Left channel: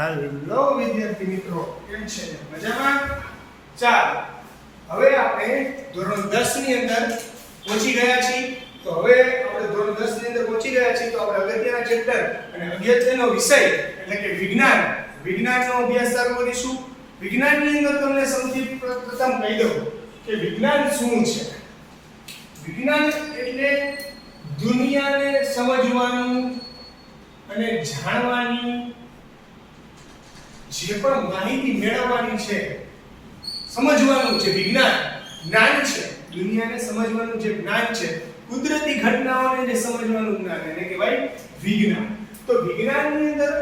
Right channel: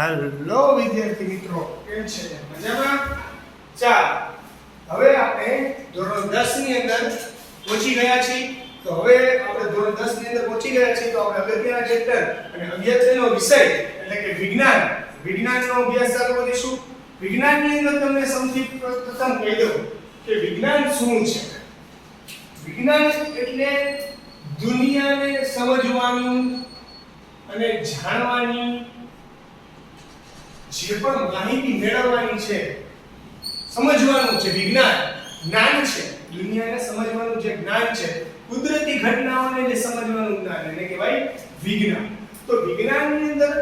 Hello વિદ્યાર્થી મિત્રો, કેમ છે? મજામાં? ચાલો, હવે આપણે ધોરણ 10 ની અંદર પહોંચી ગયા છીએ. તો હવે આપણે ધોરણ 10 ની અંદર પહોંચી ગયા છીએ, તો આપણે અગત્યના ચેપ્ટર અને અગત્યનો વિષય એટલે કે વિજ્ઞાનનો અભ્યાસ ચાલુ કરીશું. વિજ્ઞાનની અંદર તમને સૌથી પ્રથમ કહી દઉં કે વિજ્ઞાન શું છે. વિજ્ઞાન એટલે દુનિયાને સમજવાનું અને જાણવાની જે પણ માહિતી મેળવવાની છે, સમજવાનું છે. જ્ઞાન છે. દુનિયાને સમજવાનું જે જ્ઞાન છે, કુદરતી ઘટનાઓને જે સમજવાનું જ્ઞાન, એને કહેવાય વિજ્ઞાન. તો વિજ્ઞાનની અંદર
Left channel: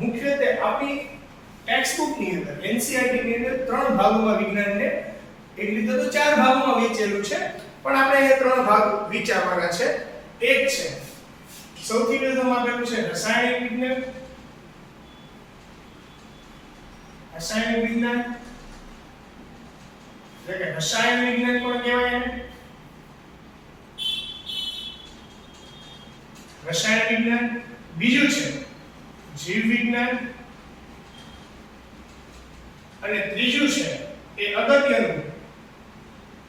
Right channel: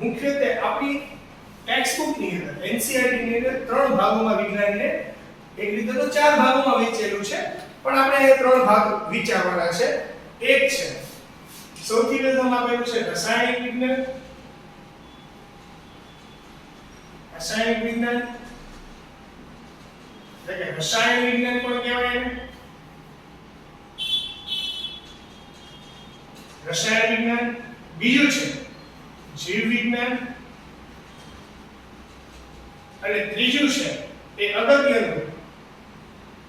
મુખ્યત્વે આપણી ટેક્સ્ટબુક ની અંદર એનસીઈઆરટી ની અંદર 3 ભાગોમાં વિજ્ઞાનને, એક રીતે તો 4 ભાગોમાં વહેંચેલું છે, પણ આપણે એ 3 ભાગ વિચારવાના છે. એક છે સૌથી પ્રથમ આપેલું છે રાસાયણિક વિજ્ઞાન, રાસાયણિક વિજ્ઞાન એટલે કે રસાયણ વિજ્ઞાન પણ કહેવાય એને. રસાયણ વિજ્ઞાન. બીજું છે જીવ વિજ્ઞાન, અને ત્રીજું છે એ અગત્યનું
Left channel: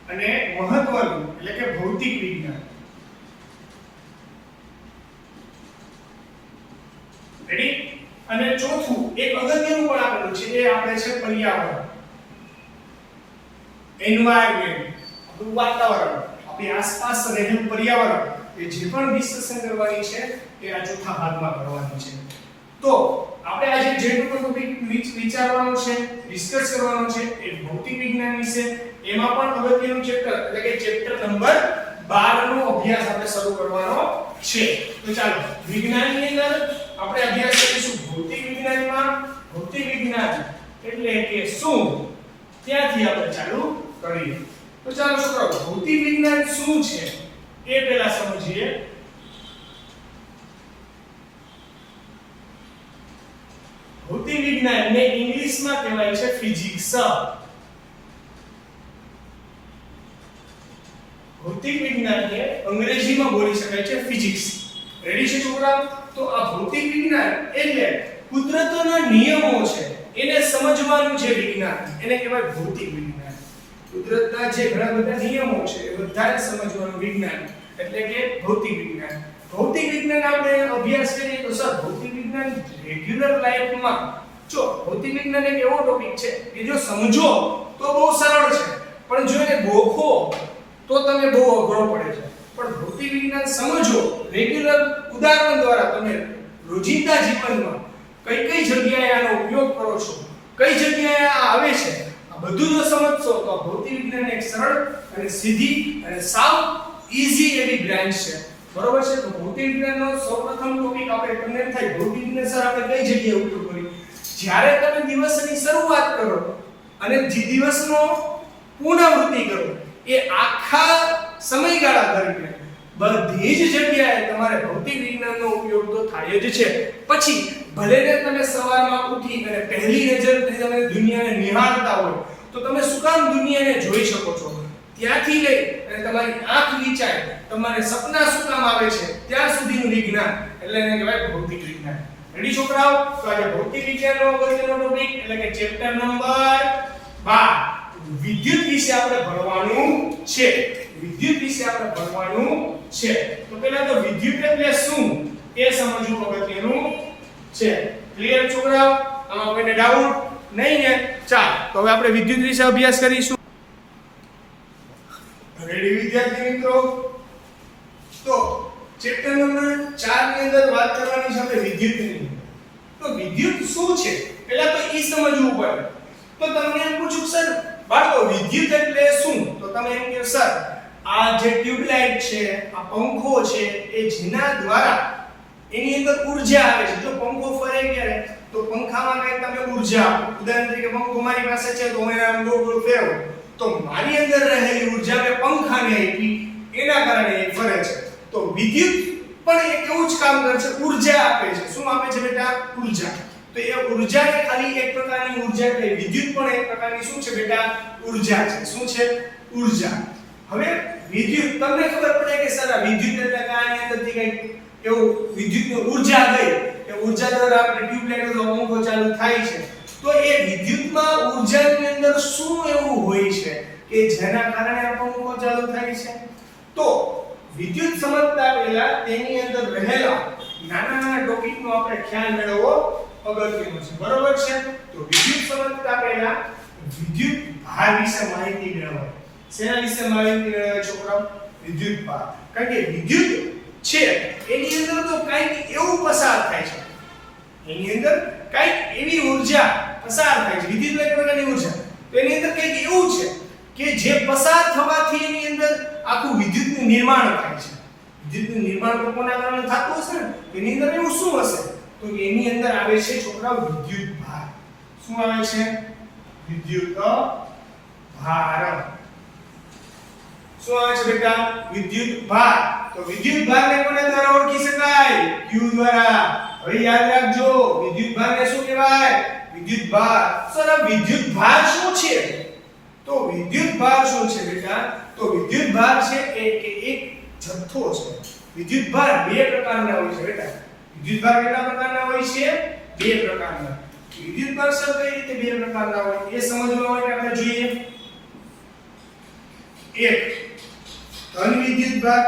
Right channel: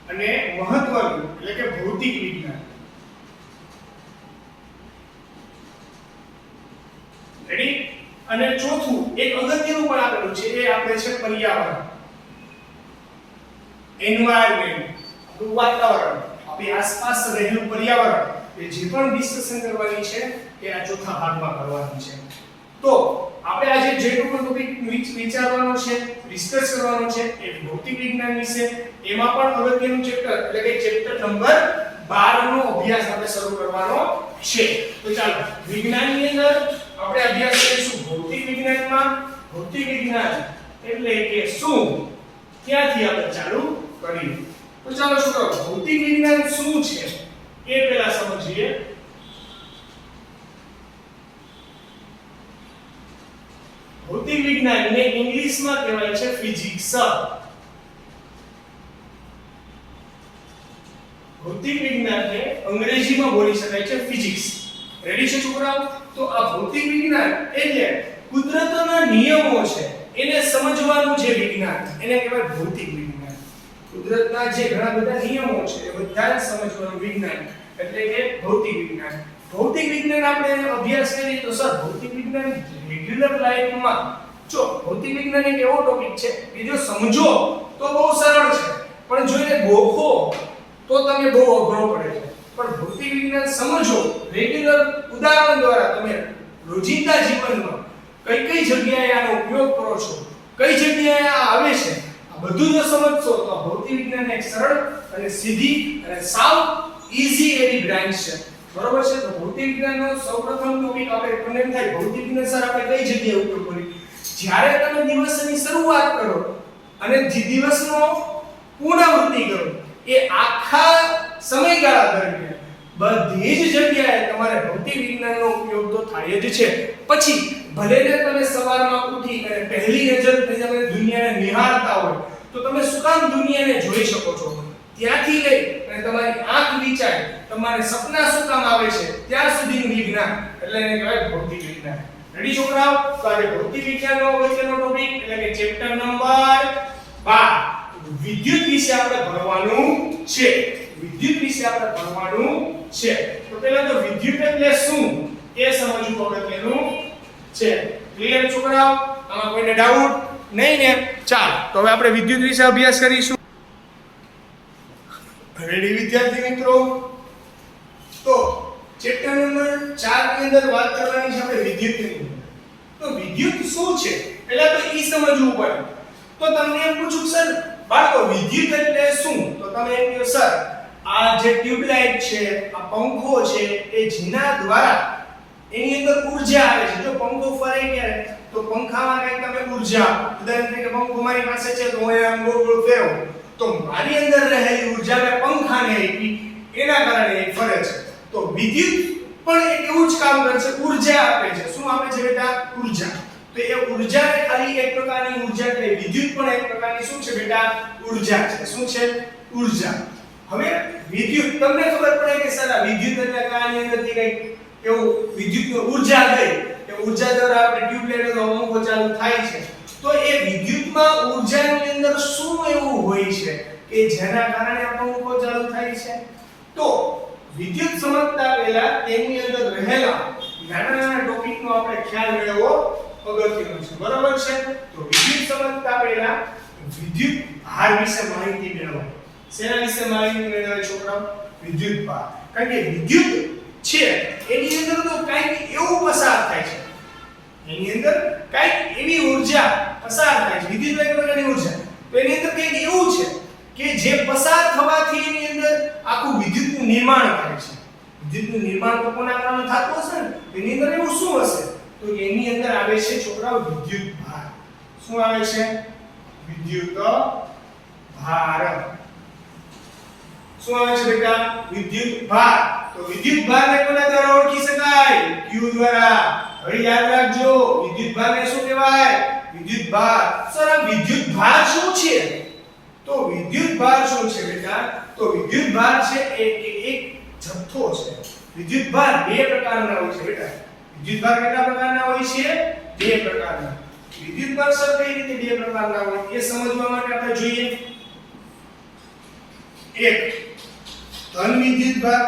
અને મહત્વનું એટલે કે ભૌતિક વિજ્ઞાન. રેડી? અને ચોથું એક અગત્યનું પણ આપેલું છે, એ આપણે છે પર્યાવરણ, એન્વાયરમેન્ટ, આપણું વાતાવરણ, આપણી આસપાસ રહેલું પર્યાવરણ. એ જે પણ ડિસ્કશન કરવાની છે એ આ ચોથા ભાગમાં કરવાની છે. તો આપણે આજે જે ટોપિક વિચારવાનો છે, ડિસ્કસ કરવાનો છે, એ ભૌતિક વિજ્ઞાન વિશે. એમાં પણ અગત્યનું ચેપ્ટર એટલે કે ચેપ્ટર નંબર 12 નો અભ્યાસ આપણે શરૂ કરવાનો છે. તો ચાલો, વિજ્ઞાનની અંદર આપણે અભ્યાસ કરીશું ભૌતિક વિજ્ઞાનમાં. ભૌતિક વિજ્ઞાન એટલે કે શું, ત્યાંથી આપણે ચાલુ કરીએ. તો ચાલો છોકરાઓ, ભૌતિક વિજ્ઞાન શું છે એ પહેલા સમજીએ. ભૌતિક વિજ્ઞાનને ઇંગ્લિશમાં કહેવાય છે ફિઝિક્સ. ભૌતિક વિજ્ઞાનને અંગ્રેજીમાં બોલી શકાય છે ફિઝિક્સ. રેડી છે છોકરાઓ? તો આ ભૌતિક વિજ્ઞાન એટલે કુદરતના નિયમો છે એને સમજવાનું જે વિજ્ઞાન, એને કહેવાય ભૌતિક વિજ્ઞાન. કુદરતના જે ઘણા બધા નિયમો છે એ બધાને સમજવાનું વિજ્ઞાન એટલે કે ભૌતિક વિજ્ઞાન. ભૌતિક વિજ્ઞાન આપણે અભ્યાસ કરીએ તો સર ભૌતિક વિજ્ઞાન રેગ્યુલર લાઈફમાં, જો ભૌતિક વિજ્ઞાન એક એવો ટોપિક છે કે જો સમજો તો બહુ સરળ છે, પણ જો એને ગોખો તો તમે બહુ અઘરો પડે છે. પણ ભૌતિક વિજ્ઞાન સમજો રેગ્યુલર ઉદાહરણ દ્વારા, તમે રોજિંદા જીવનમાં કઈ કઈ જગ્યાએ આનો ઉપયોગ કરો છો, કઈ જગ્યાએ આ આવે છે, આ બધું જો સમજશો તો આ ભૌતિક વિજ્ઞાન એક સરળ અને સીધી અને સાવ ઈઝી એવી બ્રાન્ચ છે. બરોબર છે? તો ભૌતિક વિજ્ઞાનનો સૌપ્રથમ ટોપિક આપણે તમને એમ થાય ભૌતિક વિજ્ઞાન સર આપણે કઈ જગ્યાએ ઉપયોગ કરીએ? જ્યારે તમે દિવસની શરૂઆત કરો અને દિવસનો પુનરાવૃત્તિ કરો, એ આખા સમયગાળા દરમિયાન બધી જ જગ્યાએ તમારે ભૌતિક વિજ્ઞાનનો ઉપયોગ તો થાય જ છે. પછી ભલે ને તમે સવારમાં ઉઠી અને પહેલી નજરથી તમે દુનિયાને નિહાળતા હોય તો તમે શું કામ દુનિયાને જોઈ શકો છો, ત્યાંથી લઈ અને તમારી આંખ વિચાય, તમારે સપના શું કામ આવે છે, ત્યાં સુધીનું વિજ્ઞાન એટલે એને કહેવાય ભૌતિક વિજ્ઞાન. રેડી છોકરાઓ? તો આજે ભૌતિક વિજ્ઞાનનો અગત્યનો ટોપિક એટલે કે ચેપ્ટર નંબર 12 વિદ્યુત વિશે આપણે ભણવાનું છે. વિદ્યુત વિશે આપણે ભણવાનું છે. તો પહેલા તો વિદ્યુત એટલે શું એ સમજવું અગત્યનું છે. ક્લિયર છોકરાઓ? આમાં કોઈને ડાઉટ નહીં ને? ચાલો, તો હવે આપણે વિદ્યુત વિશે અભ્યાસ કરીશું. રેડી વિદ્યાર્થી મિત્રો? તો ચેપ્ટર નંબર 4 ની અંદર વાત કરવાની છે આપણે વિદ્યુતની. તો વિદ્યુત શું છે પહેલા તો ઈ સમજવું પડે. તો તમને એમ પૂછું સર બાળકો વિદ્યુત એટલે શું? તો તમે એમ કહો સર આ જે ટ્યુબલાઇટ છે, આ પંખો છે, એ જેના દ્વારા એની અંદર ઊર્જા આવે છે. જો પંખો ફરે ત્યારે તો પંખામાં કંઈક તમે ઊર્જા આપો. ઉદાહરણ તરીકે પંખો મારી પાસે છે તો હું એને આમ ગોળ ગોળ ફેરવું તો મારી અંદર રહેલી ઊર્જાને પંખાને આપી, એના કારણે એ ફરે છે. તો વિદ્યુત પણ એક એવું જ કામ કરે છે, ઊર્જા આપે છે. શું આપે છે બેટા? ઊર્જા. તો એ ઊર્જાને ખાલી એક પ્રકારની ઊર્જા કે વિદ્યુત પણ એક પ્રકારની શું છે બેટા? ઊર્જા છે. શું છે? ઊર્જા. હવે વિદ્યુત તમને ખબર પડે કે સર આ વિદ્યુત એટલે કે આની અંદરથી કઈ એવું વિદ્યુતની ઊર્જા ગઈ, એ ઊર્જા દ્વારા આપણે ટ્યુબલાઇટનો પંખો ચાલુ થાય છે તો એ વિદ્યુતમાં ઊર્જાની અંદર શું એવું હોય છે કે જેના કારણે આ પંખો ચાલુ થાય છે તો વિદ્યુત સમજતા પહેલા તેની અંદર રહેલા નાના ટોપિકનો આપણે ખ્યાલ મેળવવો અગત્યનું છે બરોબર છે તો વિદ્યુત સમજતા પહેલા વિદ્યુત ભાર વિશે માહિતી મેળવો શેના વિશે માહિતી મેળવે છોકરાઓ વિદ્યુત ભાર કારણ કે વિદ્યુત છે એની અંદર તો કંઈક એવું પસાર થાય છે એની અંદર કંઈક એવી ઊર્જા પસાર થાય છે વિદ્યુત એક પ્રકારની ઊર્જા તો એની અંદર કંઈક એવું છે કે જે પસાર થવાથી એની અંદર આખું વિદ્યુતનું નિર્માણ થાય છે વિદ્યુતનું નિર્માણ તો કોના કારણે થતું હશે ને એની અંદર એવું શું હશે તો એની અંદર આવે છે છોકરાઓ વિદ્યુત ભાર શું આવે છે વિદ્યુત ભાર શું આવે છે બેટા વિદ્યુત ભાર તો વિદ્યુત ભારને કોના દ્વારા ઓળખી શકાય Q દ્વારા હવે યાદ રાખજો વિદ્યુત ભારને શું કહેવાય વિદ્યુત ભાર સર આ વિદ્યુત ભાર શું છે તો વિદ્યુત ભાર શું છે બેટા તો વિદ્યુત ભાર છે એક જથ્થો છે વિદ્યુત ભાર બે પ્રકારના હોય છે બેટા વિદ્યુત ભાર કેટલા પ્રકારના હોય છે બે પ્રકારના વિદ્યુત ભાર સર કઈ રીતે બે પ્રકારના હોય એ સમજવા માટે આપણે જોઈએ એક ધન વિદ્યુત ભાર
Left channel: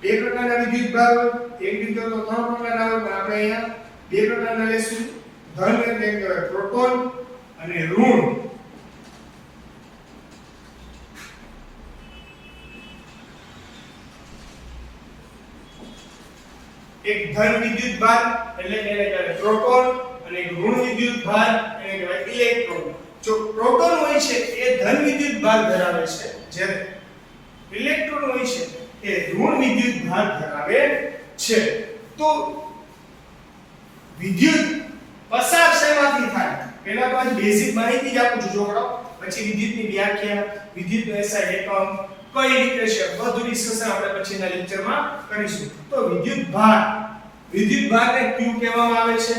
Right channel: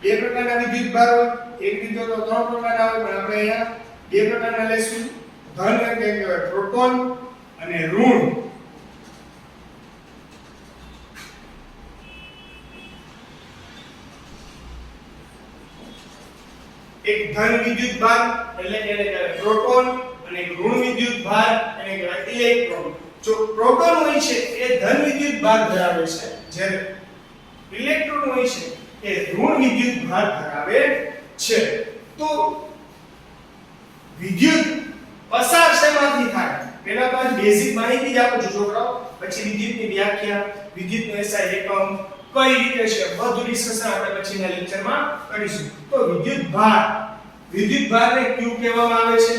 બે પ્રકારના વિદ્યુત ભાર હોય એક રીતે તો ત્રણ પ્રકારના હોય પણ આપણે અહીંયા બે પ્રકારના લેશું ધન એટલે કહેવાય પ્રોટોન અને ઋણ એક ધન વિદ્યુત ભાર એટલે કે એને કહેવાય પ્રોટોન અને એક ઋણ વિદ્યુત ભાર એને કહેવાય ઇલેક્ટ્રોન જો પ્રોટોન હોય છે એ ધન વિદ્યુત ભાર ધરાવે છે જ્યારે ઇલેક્ટ્રોન હોય છે એ ઋણ વિદ્યુત ભાર ધરાવે છે તો વિદ્યુત પસાર શેમાંથી થાય પહેલા તો બેઝિક માહિતી જ આપું છું છોકરાઓ પછી વિદ્યુતની વ્યાખ્યા વિદ્યુતનો SI એકમ કઈ રીતે છે બધું ડિસ્કશન આપણે પછીના લેક્ચરમાં કરીશું તો વિદ્યુત ભારને Q કહેવામાં આવે છે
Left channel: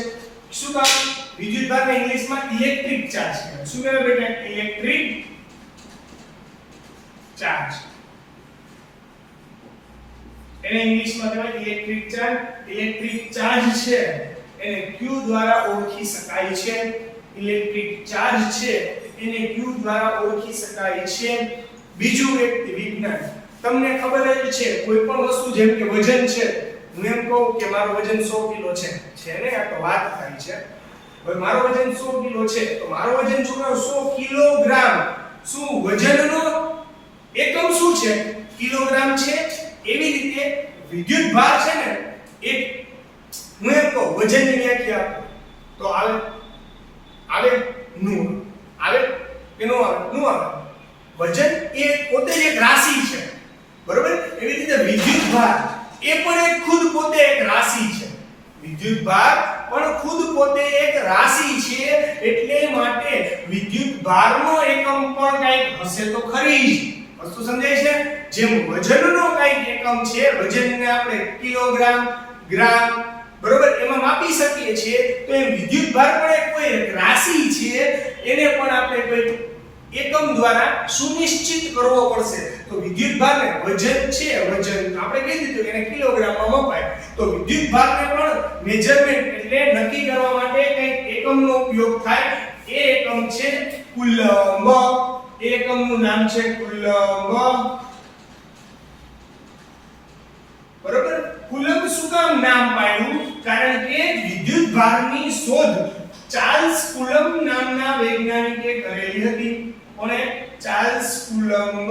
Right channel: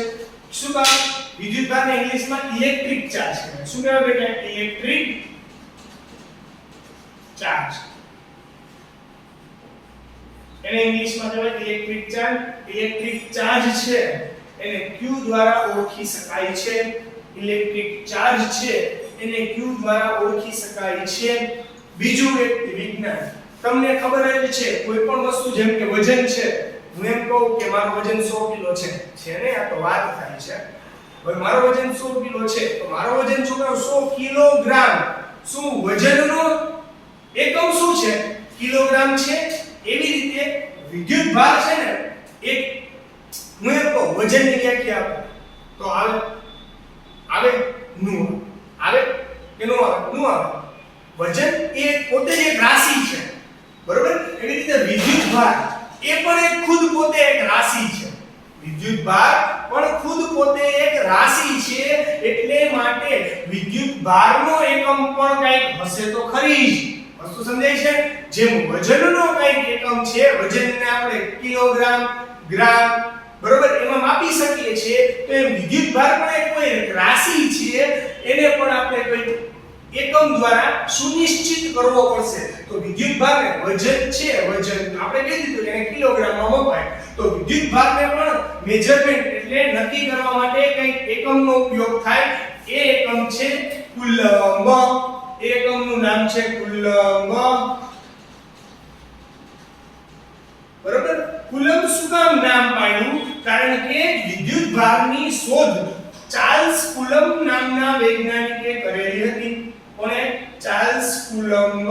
શું કામ વિદ્યુત ભારને ઇંગ્લિશમાં ઇલેક્ટ્રિક ચાર્જ કહેવાય શું કહેવાય બેટા ઇલેક્ટ્રિક ચાર્જ એને ઇંગ્લિશમાં કહેવાય ઇલેક્ટ્રિક ચાર્જ છે એને Q દ્વારા ઓળખી શકાય છે ઇલેક્ટ્રિક ચાર્જ છે એને Q દ્વારા ઓળખી શકાય છે બીજું એક વિજ્ઞાન તમને ખબર જ છે કોઈ પણ વસ્તુ જેમ કે વજન છે હું એમ કહું કે મારું વજન 100 કિલો છે ને આ તો વાત થાય છે હવે મારું વજન 100 કિલો છે તો મારું વજન છોકરાઓ 100 કિલોગ્રામ શું વજનનો એકમ શું છે કિલોગ્રામ છે એવી રીતે વિદ્યુત ભાર છે ને એક હું એમ કહું વજનની વ્યાખ્યા આપું તો આવે કે નો આવે વજન એ પોતે જ એક રાશિ છે બરોબર એવી રીતે વિદ્યુત ભાર એ પણ એક ખુદ પોતે એક રાશિ છે વિદ્યુત ભાર પણ ખુદ પોતે એક રાશિ છે એટલે માટે વિદ્યુત ભારનો એકમ પણ કંઈક હશે તો ખરી જ વસ્તુ સમજાય છે જેમ વજનનો કંઈક એકમ છે વજનને આપણે કિલોગ્રામ ગ્રામ બરોબર એમાં માપી શકીએ છીએ તો એ વિદ્યુત ભાર પણ એક કોઈ રાશિ છે એને પણ આપણે કોઈ એકમ દ્વારા સુનિશ્ચિત કરવો પડશે તો વિદ્યુત ભારને વજન છે વજન આપણે કહી દીધું એને કિલોગ્રામમાં મપાય તો વિદ્યુત ભારને પણ મેજરમેન્ટ એટલે નક્કી કરવા માટે કંઈક એકમનો ઉપયોગ થાય એ એકમ છે કુલમ્બ એ એકમનું નામ છે કુલમ્બ બરોબર કુલમ્બ શું કામ નામ પાડ્યું કારણ કે વિદ્યુત ભારની શોધ ચાર્લ્સ કુલમ્બ નામના વૈજ્ઞાનિકે કરેલી હતી કોને ચાર્લ્સ કુલમ્બ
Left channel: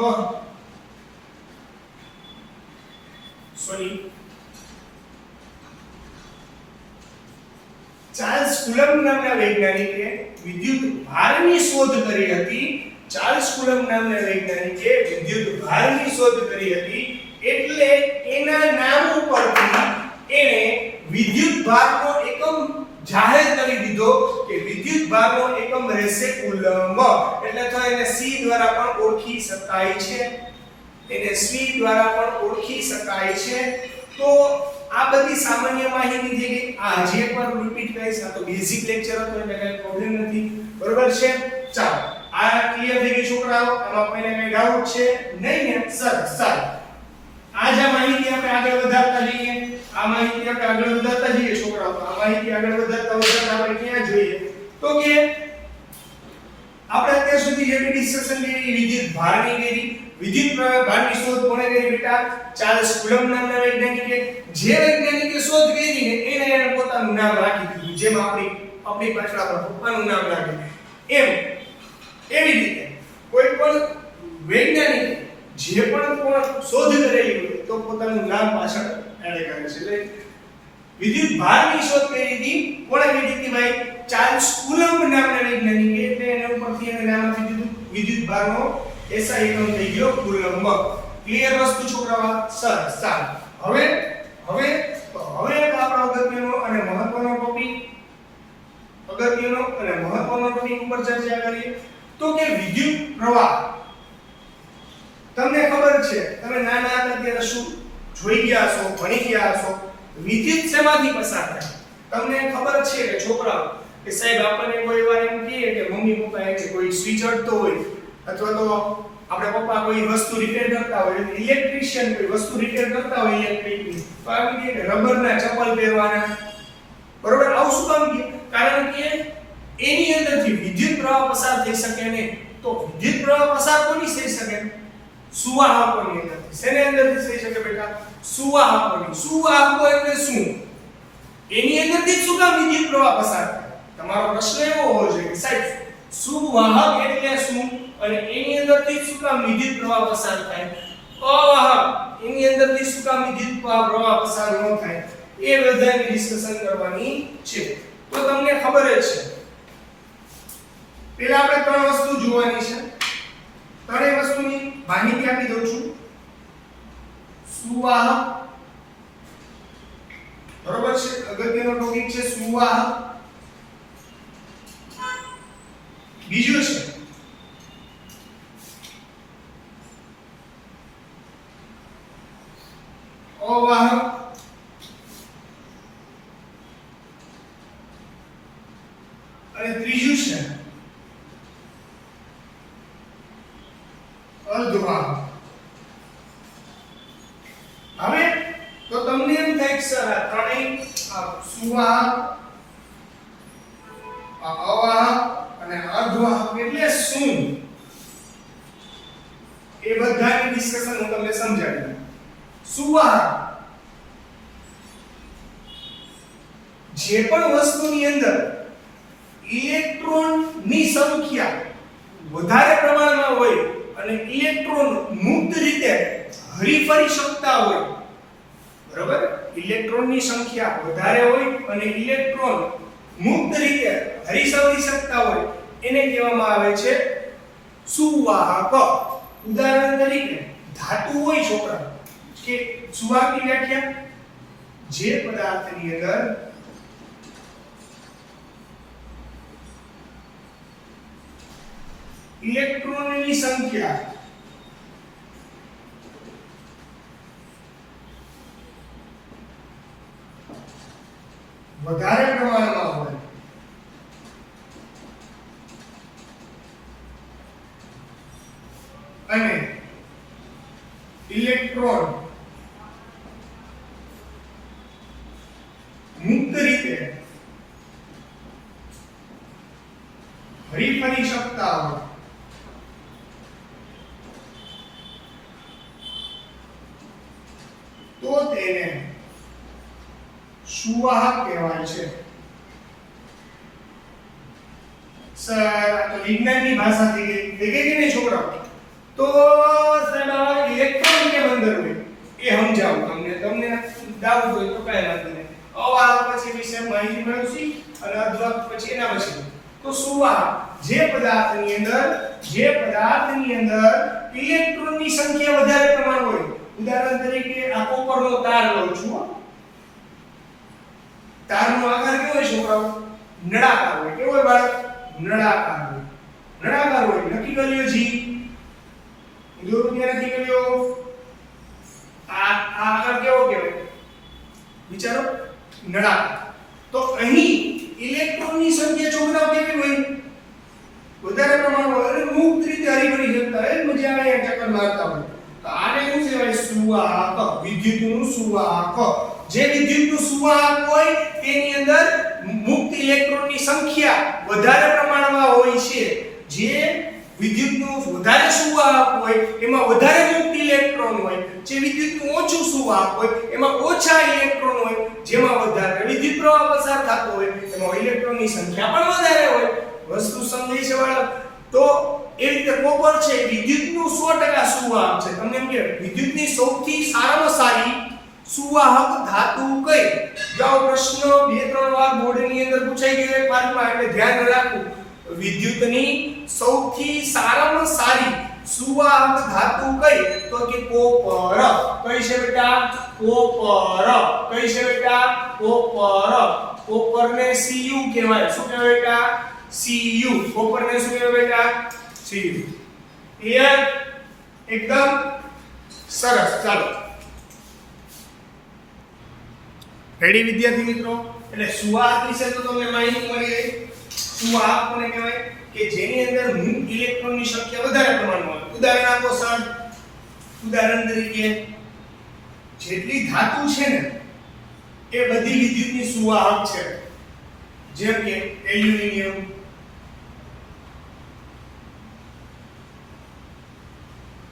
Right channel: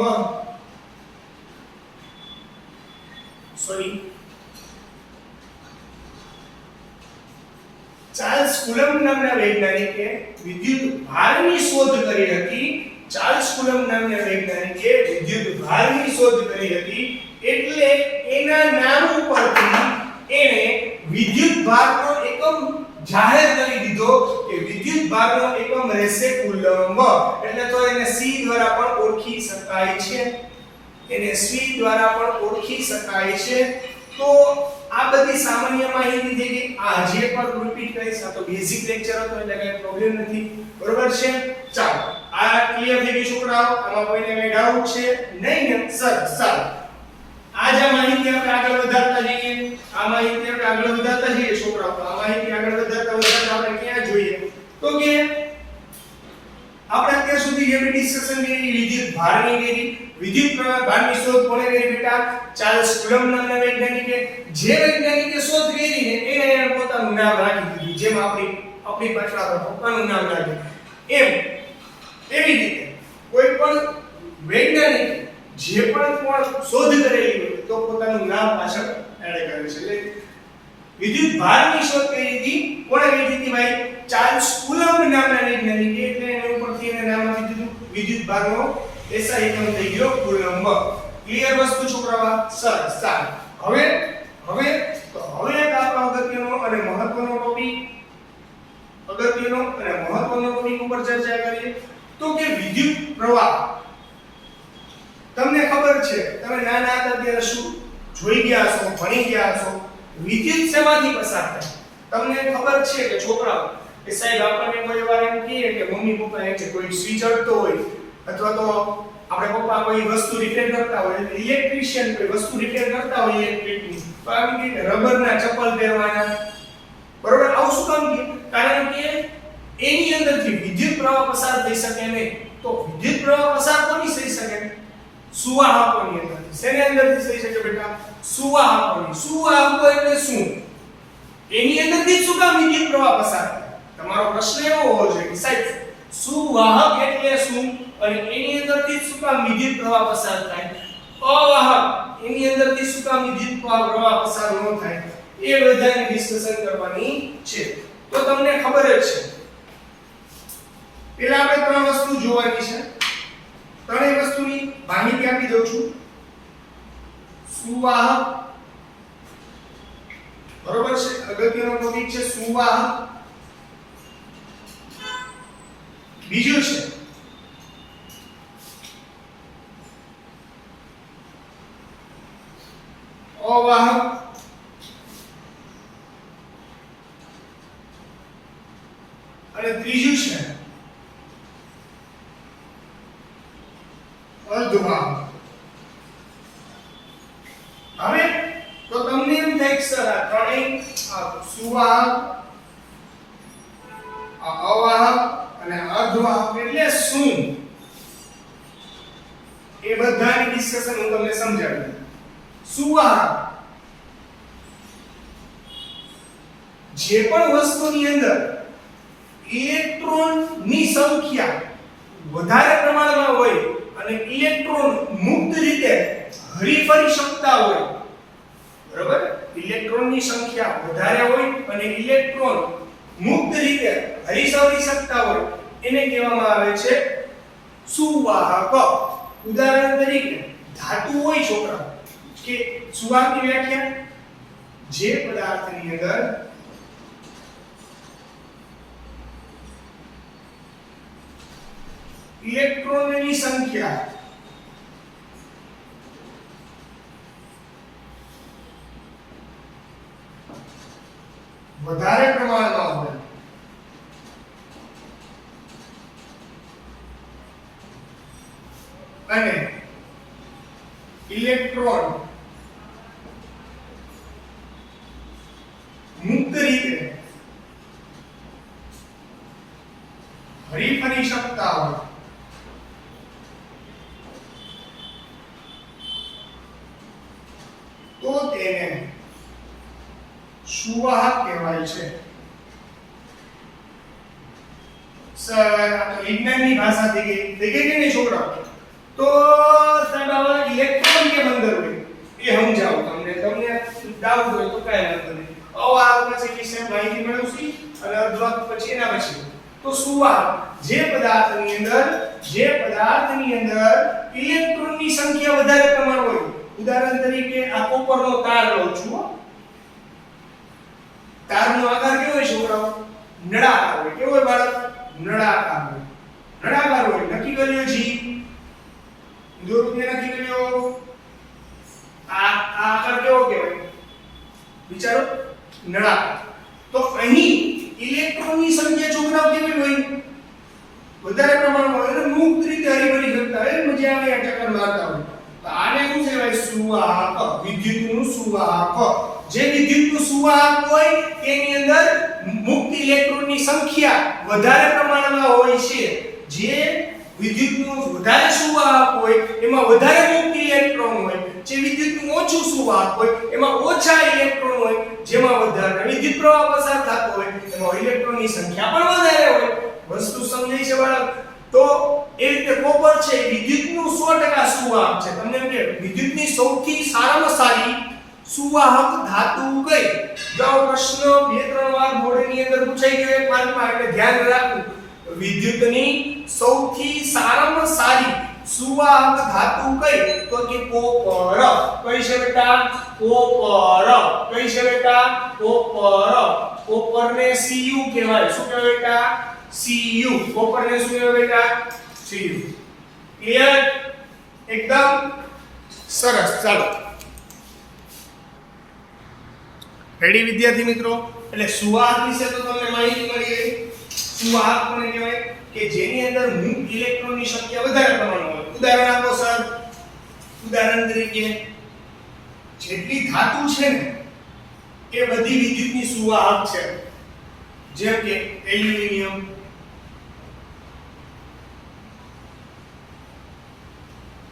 ચાર્લ્સ કુલમ્બ નામના વૈજ્ઞાનિકે વિદ્યુત ભારની શોધ કરી હતી ચાર્લ્સ કુલમ્બ નામના વૈજ્ઞાનિકે વિદ્યુત ભારની શોધ કરી હતી એટલે એના નામ ઉપરથી એને વિદ્યુત ભારનો એકમ જાહેર કરી દીધો કે વિદ્યુત ભારનો એકમ રહેશે કુલમ્બ એટલે તો એને C દ્વારા પણ ઓળખી શકાય છે તો આ બધી સામાન્ય માહિતી થઈ ગઈ આ હજી એકવાર રિપીટ કરીશ આ તો બેઝિક લેક્ચર હતો એટલે કઈ પ્રોબ્લેમ નથી બરોબર છે ચાલો આ ક્લિયર થઈ ગઈ છોકરાઓ આમાં કોઈને કઈ ડાઉટ છે નહીં ને સર આ જે માહિતી આપણે આગળ વધારતા જઈએ આ માહિતી આપણે આગળ વધારતા જઈએ છોકરાઓ. તો આ માહિતી આગળ વધારતા આપણે ક્યાં જોઈએ તો કે આપણે અત્યાર સુધી જે ડિસ્કશન કરી વિદ્યુત ભારની કરી, વિદ્યુત ભારની શોધ કોણે કરી બેટા? ચાર્લ્સ કુલમ્બ નામના વૈજ્ઞાનિકે. જે વૈજ્ઞાનિકે શોધ કરી ને એને એને પોતાનું નામ રાખી દીધું, જેમ આપણી પાછળ આપણા પપ્પાનું નામ રાખે એમ. એવી રીતે કોઈ પણ વૈજ્ઞાનિક જે પણ શોધ કરેલી હોય તો પોતાનું નામ પાછળ એડ કરે છે. એટલે વિદ્યુત ભારની શોધ કરી હતી કોણે કરી હતી ભાઈ? ચાર્લ્સ કુલમ્બ નામના વૈજ્ઞાનિકે. એટલે એના ઉપરથી એને નામ આપી દીધું વિદ્યુત ભારનો એસઆઈ એકમ થઈ ગયો કુલમ્બ. ક્લિયર વસ્તુ છોકરાઓ? સરસ. ચાલો હવે એક આપણો અગત્યનો અને મહત્વનો ટોપિક ઉપર ચર્ચા કરીએ તો કે વિદ્યુત પ્રવાહ. તમને ખબર છે, તમે નાના હતા ત્યારે શું જોઈ ગયા હશો, ભણી ગયા હશો, વિદ્યુત શેમાંથી પસાર થાય? તમને ખબર છે કે છોકરાઓ કે સાહેબ આપણને કોઈ વાર એમ કહે કે મમ્મી પપ્પા એમ કે કોઈ સ્વિચ અડતો હોય અથવા તો આપણે પપ્પા કોઈ વસ્તુ રિપેર કરતા હોય, ઇલેક્ટ્રિશિયન કોઈ વસ્તુ રિપેર કરતા હોય ઇલેક્ટ્રિકની, તો આવી કે રબરના ચપ્પલ પહેરવાના. બરોબર? આવું શું કામ કે? કારણ કે એની અંદરથી વિદ્યુત પ્રવાહ પસાર થઈ શકે નહીં. તો વિદ્યુત પ્રવાહ પસાર કોની થઈ શકે? સુવાહકોની અંદરથી. શેની અંદરથી થઈ શકે બેટા? સુવાહકોની. સુવાહકો એટલે શું? એની અંદરથી શું કામ વિદ્યુત પ્રવાહ પસાર થાય? તમારો પ્રશ્ન એવો હોવો જોઈએ કે સાહેબ સુવાહક એટલે શું અને એની અંદરથી શું કામ વિદ્યુત પ્રવાહ પસાર થાય? અવાહક એની અંદરથી શું કામ વિદ્યુત પ્રવાહ પસાર ન થાય? એ બધાની ડિસ્કશન કરવાની છે. તો તમને ખબર જ છે, પહેલા આપણે ત્રણ વસ્તુ જોવાની છે. ત્રણેય વસ્તુની માહિતી આપી દઉં છું. સુવાહક, બરોબર છે, અગત્યનો ટોપિક છે સુવાહક. બીજું છે અવાહક. અને ત્રીજું છે અર્ધવાહક. હવે તો તમને એમ થાય કે સર આ ત્રણેય સુવાહક, અવાહક અને અર્ધવાહક એટલે શું? એ બધાની ડિસ્કશન હું તમને સમજાવી દઉં. સુવાહક જે પણ વસ્તુની અંદર ઇલેક્ટ્રોનની સંખ્યા વધારે પ્રમાણમાં હોય અને ઇલેક્ટ્રોન મુક્ત રીતે હરીફરી શકતા હોય, બરોબર? ઇલેક્ટ્રોનની સંખ્યા વધારે હોય અને ઇલેક્ટ્રોન મુક્ત રીતે હરીફરી શકતા હોય એને કહેવામાં આવે છે સુવાહક. ઉદાહરણ તરીકે ધાતુ હોય છોકરા, કે સુવાહકની વ્યાખ્યા જે પદાર્થની અંદર ઇલેક્ટ્રોનની સંખ્યા વધારે પ્રમાણમાં હોય અને ઇલેક્ટ્રોન મુક્ત રીતે હરીફરી શકતા હોય તો તેને સુવાહક કહેવાય છે. સર આ તો વિજ્ઞાનની ભાષા થઈ ગઈ કે નહીં છોકરાઓ? તો સાહેબ આ ઇલેક્ટ્રોન કેમ અંદર હોય એ સમજાવું તમને. તમને ડાઉટ હોય તો કાંઈ વાંધો નહીં. અવાહક પછી વિશે માહિતી મેળવશી અને અર્ધવાહક પછી એના પછી. તો સુવાહક જે પદાર્થની અંદર ઇલેક્ટ્રોનની સંખ્યા વધારે પ્રમાણ હોય. ઉદાહરણ તરીકે આ કોપરનો તાર લઉં છું. તારનો આકાર કેવો હોય છોકરાઓ? નળાકાર હોય. કેવો હોય બાળક? નળાકાર હોય. નળાકાર હોય. નક્કી કર્યો જી? દોરો ત્યાં નક્કી કર્યો. આ આકાર કેવો કહેવાય? વિચારો. નળાકાર. તો અહીં ઇલેક્ટ્રોનની સંખ્યા છોકરાઓ કેવી હોય? વધારે પ્રમાણમાં અને મુક્ત રીતે હરીફરી શકતા હોય. મજા આવે ટક્કર મારતા હોય. તો આને શું કહેવાય? સુવાહક. વિદ્યુતનું સુવાહક. જે વિદ્યુતનું સુવાહક હોય તેની અંદર મુક્ત ઇલેક્ટ્રોનની સંખ્યા વધારે પ્રમાણમાં હોય છે. જે વિદ્યુતનું વધારે સુવાહક હોય એમાં વધારે મુક્ત ઇલેક્ટ્રોન હોય, જે વિદ્યુતનું ઓછું સુવાહક હોય એમાં ઓછા ઇલેક્ટ્રોન હોય, જેમાં વધારે વિદ્યુત પ્રવાહ પસાર થતો હોય એમાં ઇલેક્ટ્રોનની સંખ્યા પણ વધારે હોય. વસ્તુ સમજાય છે બાળક? તો એ રીતે કોપર છે એ વિદ્યુતનું 100% સુવાહક છે. તમને એમ કે વિદ્યુતની સૌથી સારામાં સારી સુવાહક ધાતુ કઈ? જો પ્રશ્ન 2-3 વાર બોર્ડની અંદર પૂછાઈ ગયો એક માર્કમાં, એટલે ધ્યાન રાખવું. વિદ્યુતની સૌથી સારામાં સારી સુવાહક ધાતુ કઈ? તો કે કોપર. કઈ છે બેટા? કોપર. કઈ છે બેટા? કોપર. કોપરને Cu કહેવાય. શું કહેવાય બેટા? Cu. કોપરને શું કહેવાય બેટા? Cu. ક્લિયર? એકદમ સરસ. ચાલો, રેડી વિદ્યાર્થી મિત્રો? એટલે સુવાહક વિશે તો તમને માહિતી મળી ગઈ. સુવાહક કોને કહેવાય? કે જેની અંદર મુક્ત ઇલેક્ટ્રોનની સંખ્યા વધારે પ્રમાણમાં હોય. ઉદાહરણ આપો સર. ઉદાહરણ તરીકે જેટલી ધાતુ છે ને એ બધી વિદ્યુતની સુવાહક છે. જેમ કે એલ્યુમિનિયમ,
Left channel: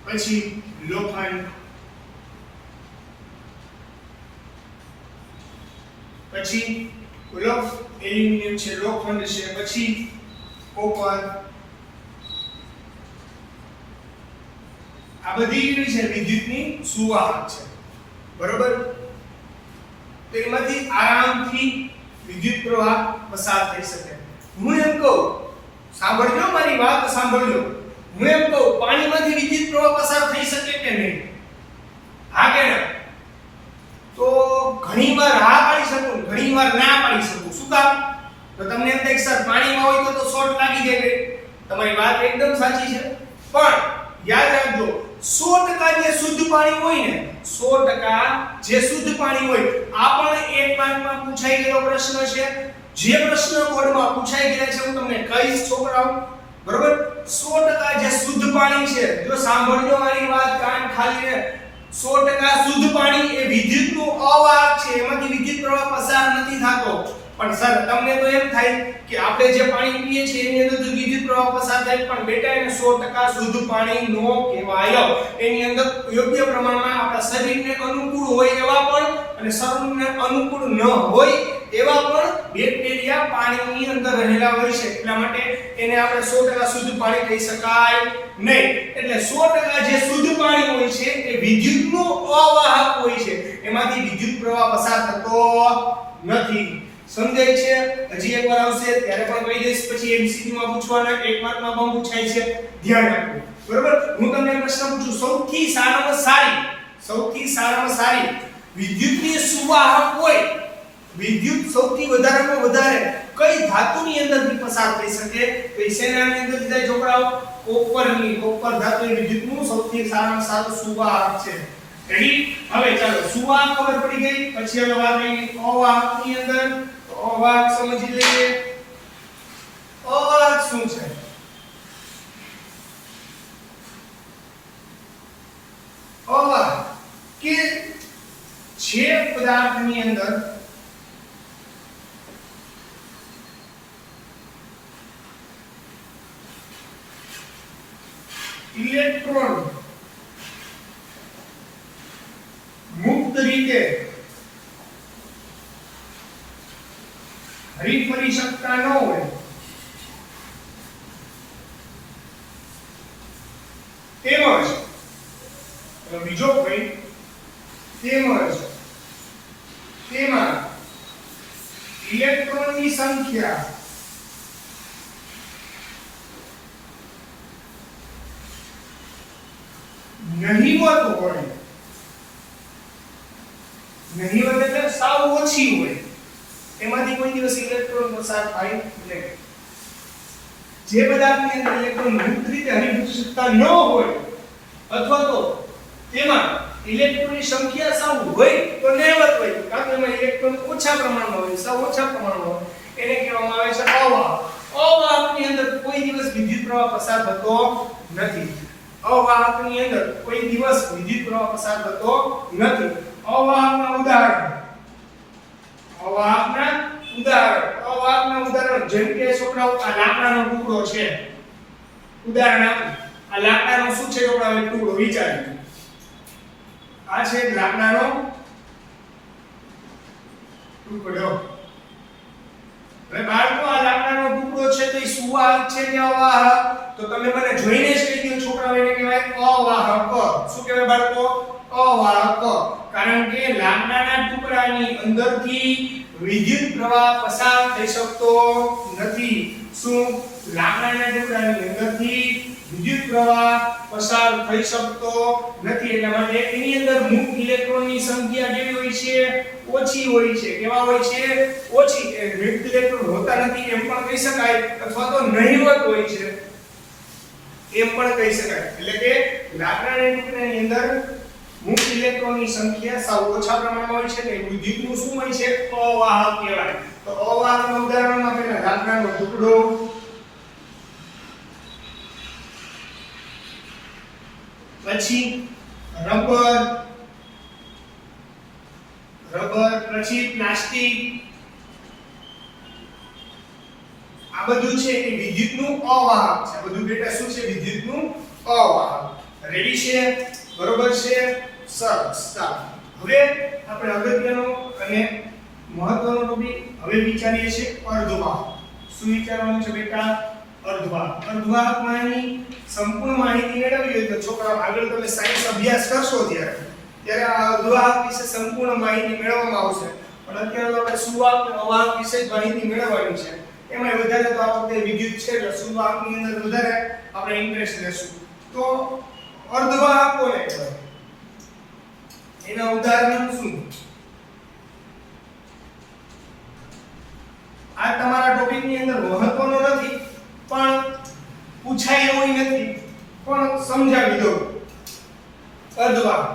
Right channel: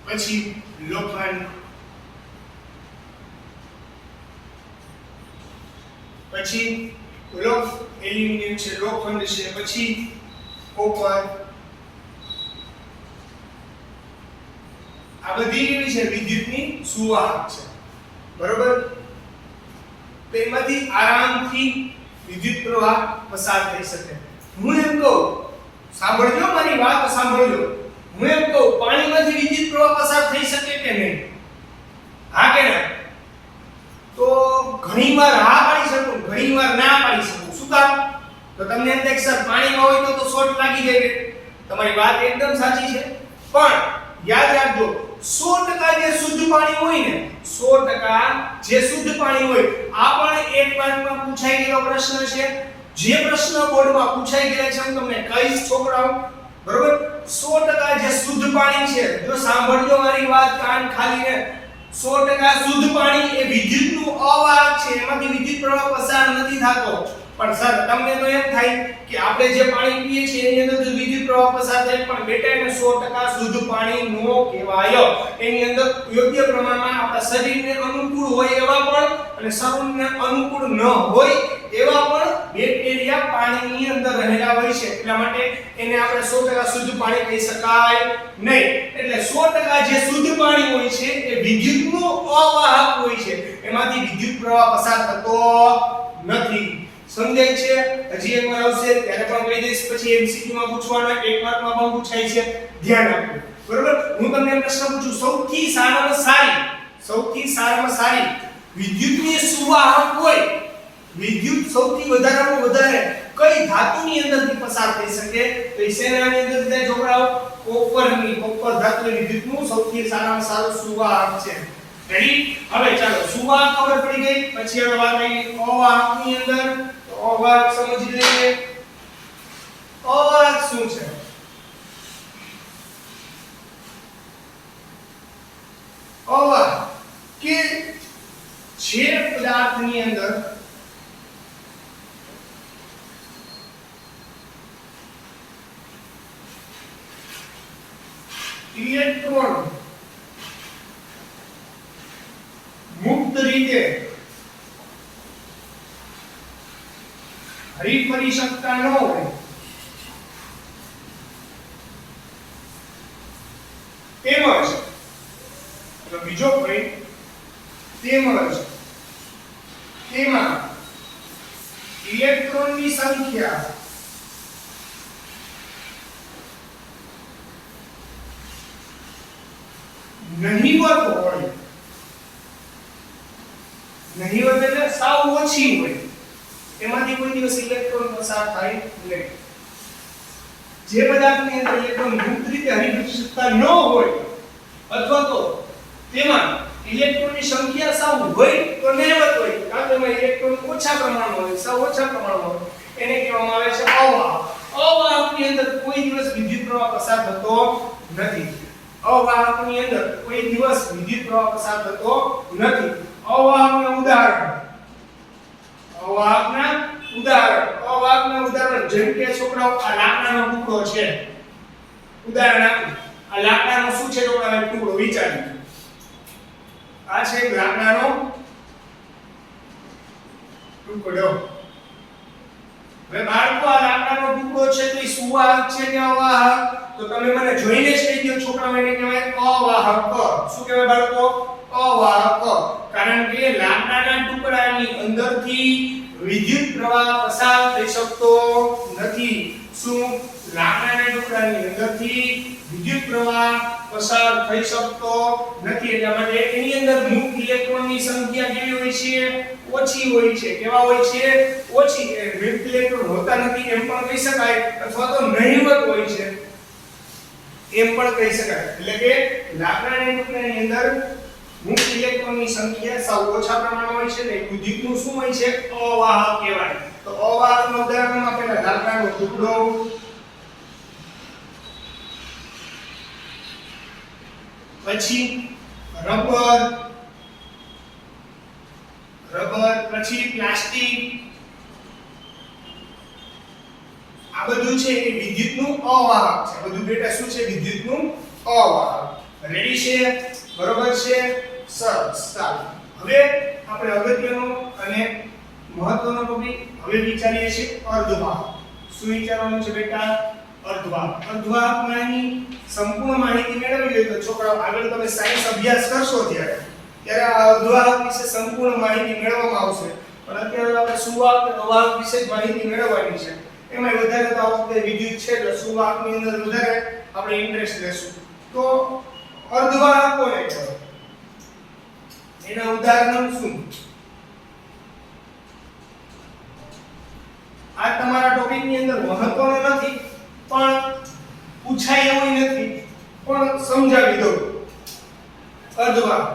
પછી લોખંડ, પછી એલ્યુમિનિયમ છે, લોખંડ છે, પછી કોપર. આ બધી કેવી છે? વિદ્યુતની સુવાહક છે. બરોબર? તો એમાંથી આરામથી વિદ્યુત પ્રવાહ પસાર થઈ શકે. હું એમ કહું, સાંભળજો, મારી વાત સાંભળજો. હું એમ કહું, પાણીમાંથી વિદ્યુત પ્રવાહ પસાર થઈ શકે કે નહીં? હા કે ના? તો ઘણીવાર હા પાડી શકું, ઘણીવાર ના પાડી શકું. શું કામ? તો તમને એમ થાય કે સર પાણીમાં હોય તો શોર્ટ લાગી જાય. તમારી વાત એકદમ સાચી છે, પણ યાદ રાખજો 100% જે શુદ્ધ પાણી હોય ને, 100% જે શુદ્ધ પાણી હોય, આ પણ એક માર્કમાં પૂછાઈ ગયેલો પ્રશ્ન છે. જે પ્રશ્ન બોર્ડમાં પૂછાઈ ગયેલા છે હું તમને કહીશ છોકરાઓ. બરોબર? 100% જે શુદ્ધ પાણી છે, જો સાંભળજો મારી વાત કાન ખાલીને, 100% શુદ્ધ પાણી એ વિદ્યુતનું અવાહક છે. એમાંથી વિદ્યુત પ્રવાહ પસાર નથી થતો. પણ સર તમને તો એમ થાય કે આપણે જે પાણી પીએ છીએ એની અંદર જો વિદ્યુત પ્રવાહ પસાર થાય, પણ બેટા એને 100% શુદ્ધ પાણી નો કહેવાય. એની અંદર યોગ્ય પ્રમાણમાં આપણા શરીરને અનુકૂળ હોય એવા પણ અને શરીરને અનુકૂળ ન હોય એવા પણ બેક્ટેરિયા પાણીની અંદર રહેલા હોય છે. એટલા માટે એને આપણે 100% શુદ્ધ પાણી કહી શકાય નહીં. એટલે 100% જે શુદ્ધ પાણી હોય છે એ વિદ્યુતનું અવાહક હોય છે. એમાંથી વિદ્યુત પ્રવાહ પસાર થતો નથી. સમજાય છે? હજી એકવાર આવશે ત્યારે પણ કહી દઈશ. પછી MCQ માં પૂછવાના, એક માર્કમાં પણ પૂછાય છે. ધ્યાન રાખો. બરોબર? હું તમને પ્રશ્ન પૂછું, સૌથી સારામાં સારી વિદ્યુતની સુવાહક હોય, વિદ્યુત સૌથી વધારેમાં વધારે કઈ ધાતુની અંદરથી પસાર થઈ શકે? તો એ શેનાની અંદરથી થાય છોકરાઓ? કોપરની. કોપર ધાતુ એ વિદ્યુતનું સૌથી સારામાં સારું સુવાહક છે. રેડી? હવે ચાલો, સુવાહક ખબર પડી ગઈ. પછી હવે વાત આવી અવાહકની અંદર. તો અવાહક સમજી લઈએ. અવાહક શું છે? અવાહક કે જે પદાર્થની અંદર ઇલેક્ટ્રોન મુક્ત રીતે હરીફરી શકતા ન હોય, તેમજ બીજો પોઈન્ટ, તેમજ તેમાં ઇલેક્ટ્રોનની સંખ્યા નહિવત હોય. નહિવત એટલે સાવ ઓછી હોય. એમાંથી કોઈ દિવસ ઇલેક્ટ્રોન પસાર થાય નહીં. જે પદાર્થની અંદર ઇલેક્ટ્રોન મુક્ત રીતે હરીફરી શકતા ન હોય અથવા તો તેમાં ઇલેક્ટ્રોનની સંખ્યા સાવ હોય તો નહિવત હોય, કાં તો એમાં ઇલેક્ટ્રોન ઓછા પ્રમાણમાં હોય, સાવ ઓછા પ્રમાણમાં હોય, એને કહેવામાં આવે છે અવાહક. અવાહકની અંદર કોઈ દિવસ વિદ્યુત પ્રવાહ પસાર થતો નથી. અવાહકની અંદર કોઈ દિવસ વિદ્યુત પ્રવાહ પસાર થતો નથી. અવાહકના ઉદાહરણ અવાહકના ઉદાહરણ જેમ કે છોકરાઓ આ લાકડાનો ટુકડો છે, ઉદાહરણ આપું, આ લાકડાનો શું છે છોકરાઓ એક ટુકડો વિચારી, આ છે લાકડાનો ટુકડો. હવે બાળકો આ લાકડાનો ટુકડો છે તો એ સુવાહક છે કે અવાહક? તો તમે મને જોઈને જ કહી દો છોકરાઓ, એને કહેવાય અવાહક. શું કહેવાય બાળકો? અવાહક. કારણ કે લાકડાના ટુકડાની અંદરથી વિદ્યુત પ્રવાહ પસાર થઈ શકતો નથી. શું? લાકડાના ટુકડાની અંદરથી વિદ્યુત પ્રવાહ પસાર થઈ શકતો નથી. એટલા માટે એની અંદર મુક્ત ઇલેક્ટ્રોનની સંખ્યા કેવી હોય છે? ઓછી હોય છે. કેવા હોય છે? ઓછી. એ મુક્ત ઇલેક્ટ્રોન હોતા નથી એમ પણ કહી શકાય, અથવા તો નહિવત હોય છે એમ પણ કહી શકાય. એટલે કે લાકડાના ટુકડાની અંદર મુક્ત ઇલેક્ટ્રોનની સંખ્યા સાવ ઓછા પ્રમાણમાં હોય છે ને વિદ્યુતનું શું હોય છે? અવાહક કહેવાય. તો અવાહકનું ઉદાહરણમાં પહેલા લાકડાનો ટુકડો, પછી રબર, પછી પ્લાસ્ટિક, આ બધું છે એ વિદ્યુતનું અવાહક છે. બધું બેટા શું છે? વિદ્યુતનું અવાહક. રેડી છે? બરોબર છે? સરસ. ચાલો હવે આપણે અગત્યનો અને મહત્વનો ટોપિક હવે વિચારીએ છીએ અર્ધવાહક. શું વિચારવાનું છે બેટા? અર્ધવાહક. અર્ધવાહકમાંની સંપૂર્ણ માહિતી મેળવવી હોય તો છોકરાઓ આગળ તમે સાયન્સ અભ્યાસ કરશો ત્યારે આ અર્ધવાહક વિશે સંપૂર્ણ માહિતી મેળવવામાં આવશે. પણ અત્યારે તો આપણે સુવાહક અને અવાહક વિશે જ માહિતી મેળવવાની છે. એમાં વધારે તો આ વખતે વિદ્યુત છે એટલે સુવાહકની અંદર વધારે આપણે ઇન્ટરેસ્ટ લેશું. તો અર્ધવાહક કોને કહેવાય? એના ઉદાહરણ શું? આ તમારા ટોપિકની અંદર મહત્વનો નથી પણ પૂછાય એવું નથી, પણ સમજાવી દઉં. અર્ધવાહક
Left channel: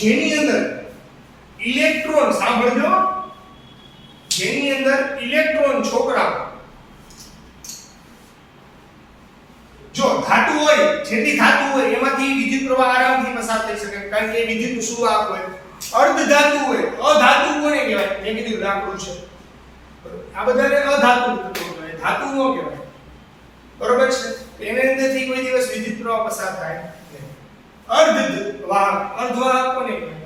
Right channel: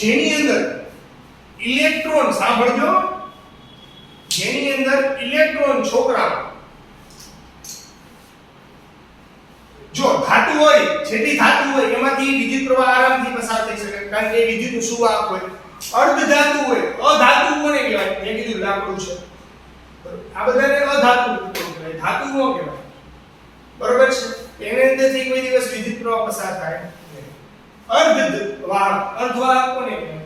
જેની અંદર ઇલેક્ટ્રોન, સાંભળજો, જેની અંદર ઇલેક્ટ્રોન છોકરાઓ જો ધાતુ હોય, જેથી ધાતુ હોય એમાંથી વિદ્યુત પ્રવાહ આરામથી પસાર થઈ શકે કારણ કે વિદ્યુતનું સુવાહક હોય. અર્ધ ધાતુ હોય, અધાતુ કોને કહેવાય? મેં કીધું લાકડું છે. આ બધાને અધાતુ કહેવાય, ધાતુઓ કહેવાય. બરોબર છે? એની અંદરથી કોઈ દિવસ વિદ્યુત પ્રવાહ પસાર થાય નહીં. અર્ધવાહક, અર્ધવાહક કોને કહેવાય?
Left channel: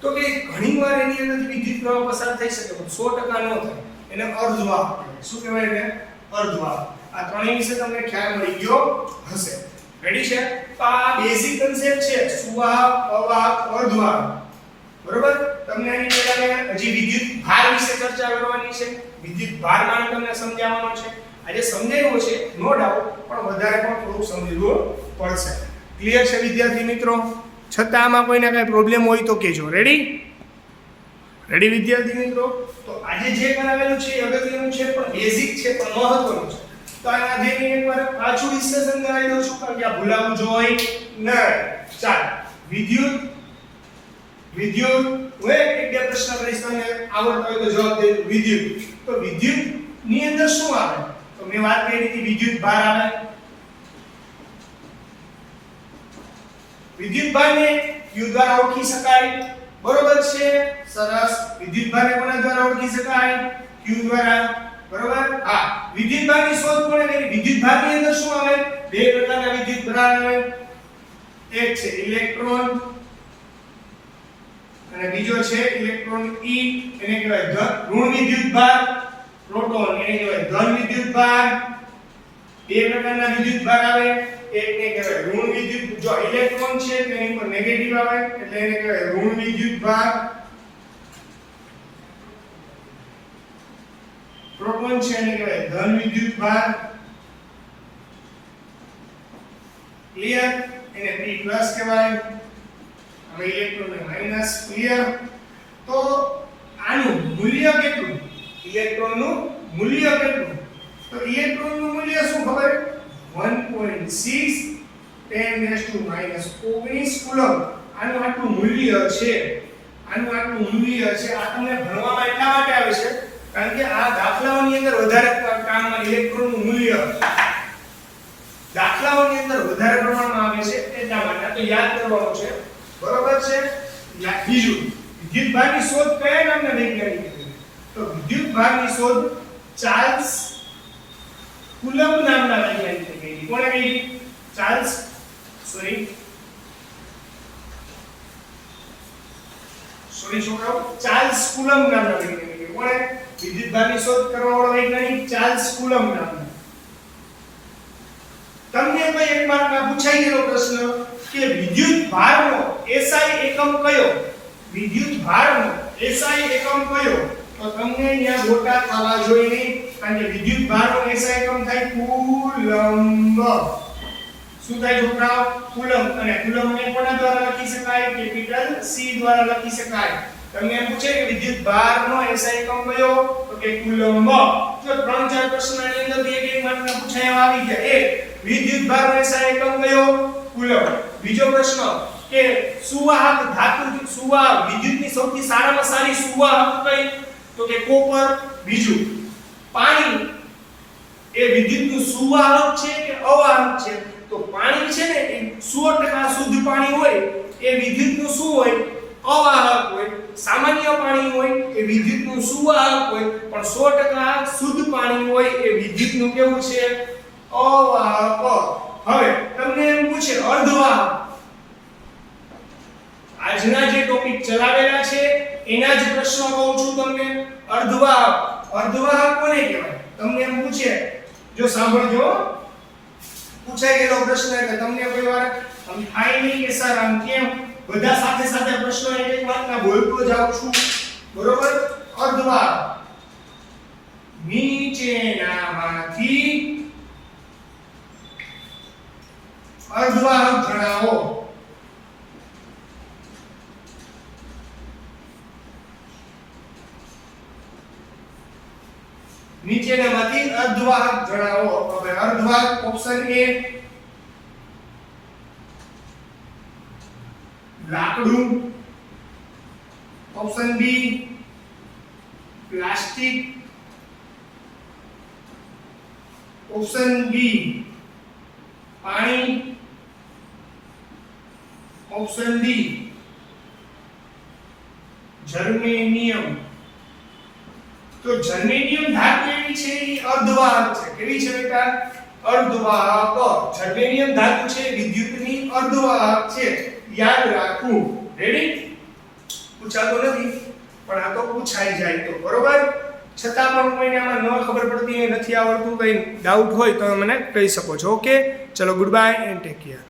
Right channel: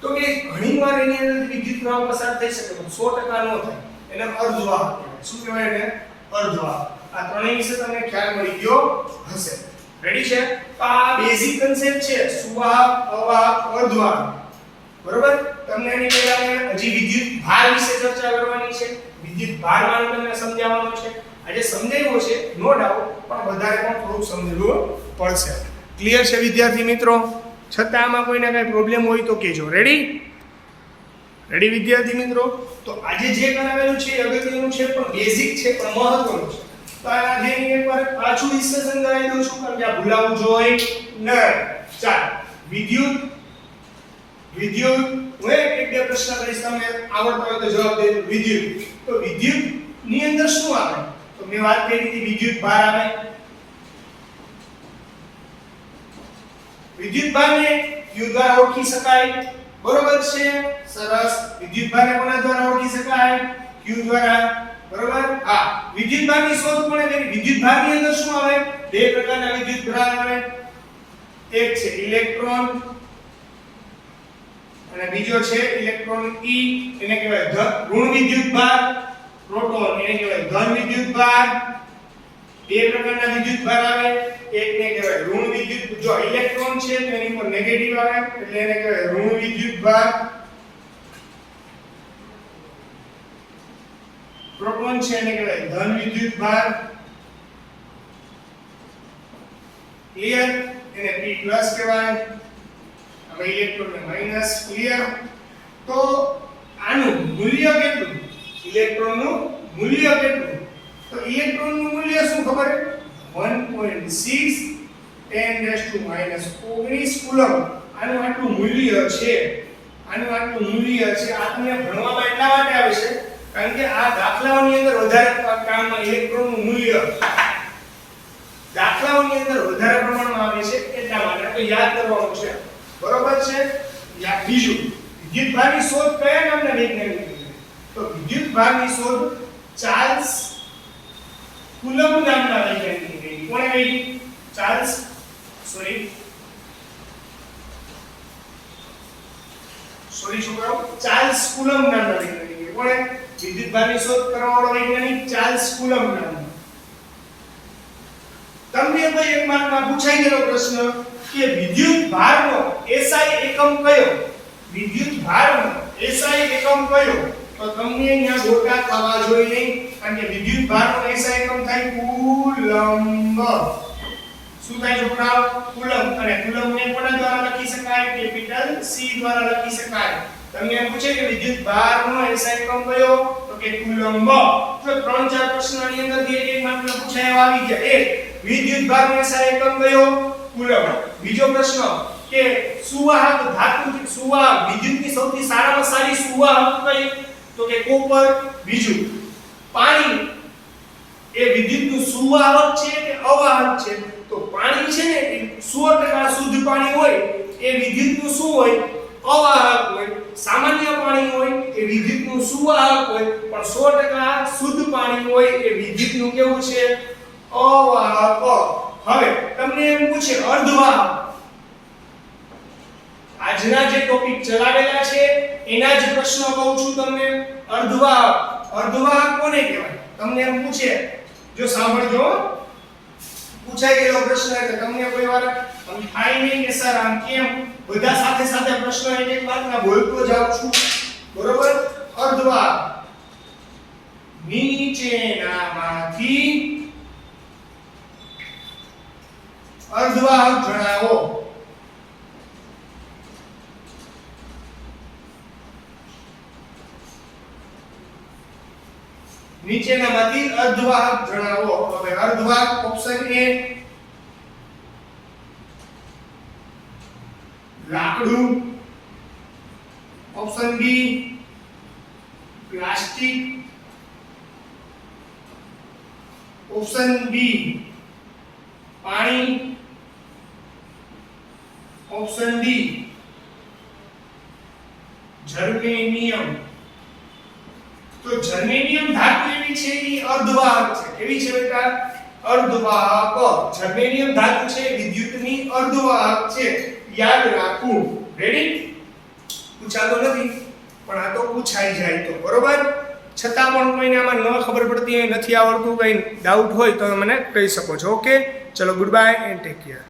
તો કે ઘણીવાર એની અંદરથી વિદ્યુત પ્રવાહ પસાર થઈ શકે પણ 100% ન થાય. એને અર્ધવાહક કહેવાય. શું કહેવાય એને? અર્ધવાહક. આ ત્રણેય વિશે તમને ખ્યાલ મળી ગયો હશે. રેડી છે? તો આ બેઝિક કન્સેપ્ટ છે સુવાહક, અવાહક, અર્ધવાહક. બરોબર? તમને આની પહેલા હજી વિદ્યુત ભાર વિશે ચર્ચા કરવાની છે. વિદ્યુત ભાર માને તમને સમજાવવાનો છે. આજે સમજાવ્યો છે નો ડાઉટ, પણ વધારે પણ થોડું સમજવું પડશે. ક્લિયર છે વિદ્યાર્થી મિત્રો? છતાં આમાં કોઈને કઈ પ્રોબ્લેમ હોય તો કહેજો. રેડી વિદ્યાર્થી મિત્રો? તો આજે જે કરાવેલું છે એ અગત્યનું છે પણ બેઝિક છે પણ મહત્વનું છે. તો આજે મેં એકવાર પાછું ડિસ્કશન કરાવી દઉં છું કારણ કે આ ભૂલાવું જોઈએ નહીં. ચાલો વિદ્યુત હું એક બે પ્રશ્ન કરીશ, તમને આવડતા હોય તો જવાબ દેજો. વિદ્યુત, તો વિદ્યુત ની અંદર શું આવે? તો મેં વાત કરી હતી વિદ્યુત ભાર આવે. વિદ્યુત ભારને Q દ્વારા ઓળખી શકાય. બરોબર છે? સરસ. વિદ્યુત ભારને કોના દ્વારા ઓળખી શકાય? Q દ્વારા. બરોબર? હા. વિદ્યુત ભારની શોધ કોણે કરી? વિદ્યુત ભારની અંદર શું આવે? બે પ્રકારના વિદ્યુત ભાર આવે. એક છે ઇલેક્ટ્રોન અને બીજો છે ઇલેક્ટ્રોન E, એને કહેવાય ઋણ વિદ્યુત ભાર. પ્રોટોન એને કહેવાય ધન વિદ્યુત ભાર. બે પ્રકારના વિદ્યુત ભાર આવે. એકને કહેવાય ઋણ વિદ્યુત, જો ઇલેક્ટ્રોન છે તો એની પર નેગેટિવ આવે એટલે એને કહેવાય ઋણ વિદ્યુત ભાર. પ્રોટોન છે એને કહેવાય ધન વિદ્યુત ભાર. ક્લિયર? એને P+ કહેવાય. હવે ઇલેક્ટ્રોન ને માઈનસ. ક્લિયર? તો આનું મૂલ્ય કેટલું? ઇલેક્ટ્રોનનું મૂલ્ય કેટલું? તો ઇલેક્ટ્રોનનું મૂલ્ય શું ખબર છે? 1.6 10⁻⁻19 કુલમ. આનું આટલું મૂલ્ય છે. આનું આટલું મૂલ્ય છે. આ તમને ભણવામાં એટલા માટે આવે છે કારણ કે આ દાખલાઓની અંદર વધારે કામમાં ઇલેક્ટ્રોનનું મૂલ્ય દાખલાઓની અંદર વધારે પ્રમાણમાં આવે છે એટલા માટે તો યાદ કરવાનું છે. બરોબર છે? બીજું વિદ્યુત ભારની શોધ કયા નામના વૈજ્ઞાનિકે કરી? તો વિદ્યુત ભારની શોધ ચાર્લ્સ કુલમ્બ નામના વૈજ્ઞાનિકે કરી. કોણે કરી? ચાર્લ્સ છોકરાઓ, ચાર્લ્સ કુલમ્બ નામના વૈજ્ઞાનિકે. કોણે? વિદ્યુત ભારની શોધ કરવાવાળો વૈજ્ઞાનિક ચાર્લ્સ કુલમ્બ નામનો. તમને કોઈ એક માર્કમાં પૂછાઈ ગયેલો પ્રશ્ન કે વિદ્યુત ભારનો SI એકમ કયો? વિદ્યુત ભારનો SI એકમ કયો? તો તમને અહીંયા ગોટા થવા જોઈએ નહીં, કારણ કે વિદ્યુત ભારનો SI એકમ થાય કુલમ્બ. શું થાય છોકરાઓ? કુલમ્બ. અને કુલમ્બને કોના દ્વારા લખી શકાય? કેપિટલ C દ્વારા લખી શકાય. તમને એમ પૂછે કે વિદ્યુત ભારનો SI એકમ કયો? તો કે કુલમ્બ. જો 3-4 પ્રશ્નની અંદરથી એક માર્કના પૂછાયા આવી ગયા. એક, વિદ્યુત ભારનો SI એકમ કયો? કુલમ્બ. બીજો પ્રશ્ન કે સુવાહક ધાતુ, સુવાહક વિદ્યુતની સૌથી સારામાં સારી સુવાહક કઈ? તો કે કોપર. બીજું, પાણી એ વિદ્યુતનું સુવાહક છે કે અવાહક છે? તો પાણી છે ને એ 100% શુદ્ધ પાણી હોય એ વિદ્યુતનું શું હોય? અવાહક હોય. સામાન્ય પાણી હોય એ વિદ્યુતનું સુવાહક હોય, પણ 100% શુદ્ધ પાણી હોય એ વિદ્યુતનું કેવું છે? અવાહક. હવે તમને એમ પૂછે અર્ધવાહક. આજના જે ટોપિક ચલાવેલા છે એના જ પ્રશ્નો કહું છું તમને. અર્ધવાહક. અર્ધવાહક કોને કહેવાય? તમને એમ પૂછે, જો સાંભળજો, પૂછાઈ ગયેલો પ્રશ્ન એટલે તમને કોઈ વાર આમ થાય નહીં કે સર આમ કેમ? બધા સાથે સાથે પ્રશ્નો એક માર્કના બોલતો જાઉં છું, બરોબર? અર્ધવાહક. નીચેનામાંથી અર્ધવાહક જણાવો. નીચેનામાંથી અર્ધવાહક જણાવો. હવે અર્ધવાહક ઓપ્શન A લાકડું, option B plastic, option B પાણી, ઓપ્શન D જર્મેનિયમ. તો જર્મેનિયમ ધાતુ એવી છે એ અર્ધવાહક છે. કેવી છે બેટા? અર્ધવાહક. જર્મેનિયમ ધાતુ છે વિદ્યુતની અર્ધવાહક છે. યાદ રાખવું. રેડી? પૂછાતો નથી પણ આ તો પૂછાઈ જાય તો બરોબર. છતાં પણ કોઈને આમાં ન ખબર પડતી હોય, નથી આવડતું, કઈ ડાઉટ હોય તો મને કહી શકો છો. ઓકે, ચલો, good bye and take care.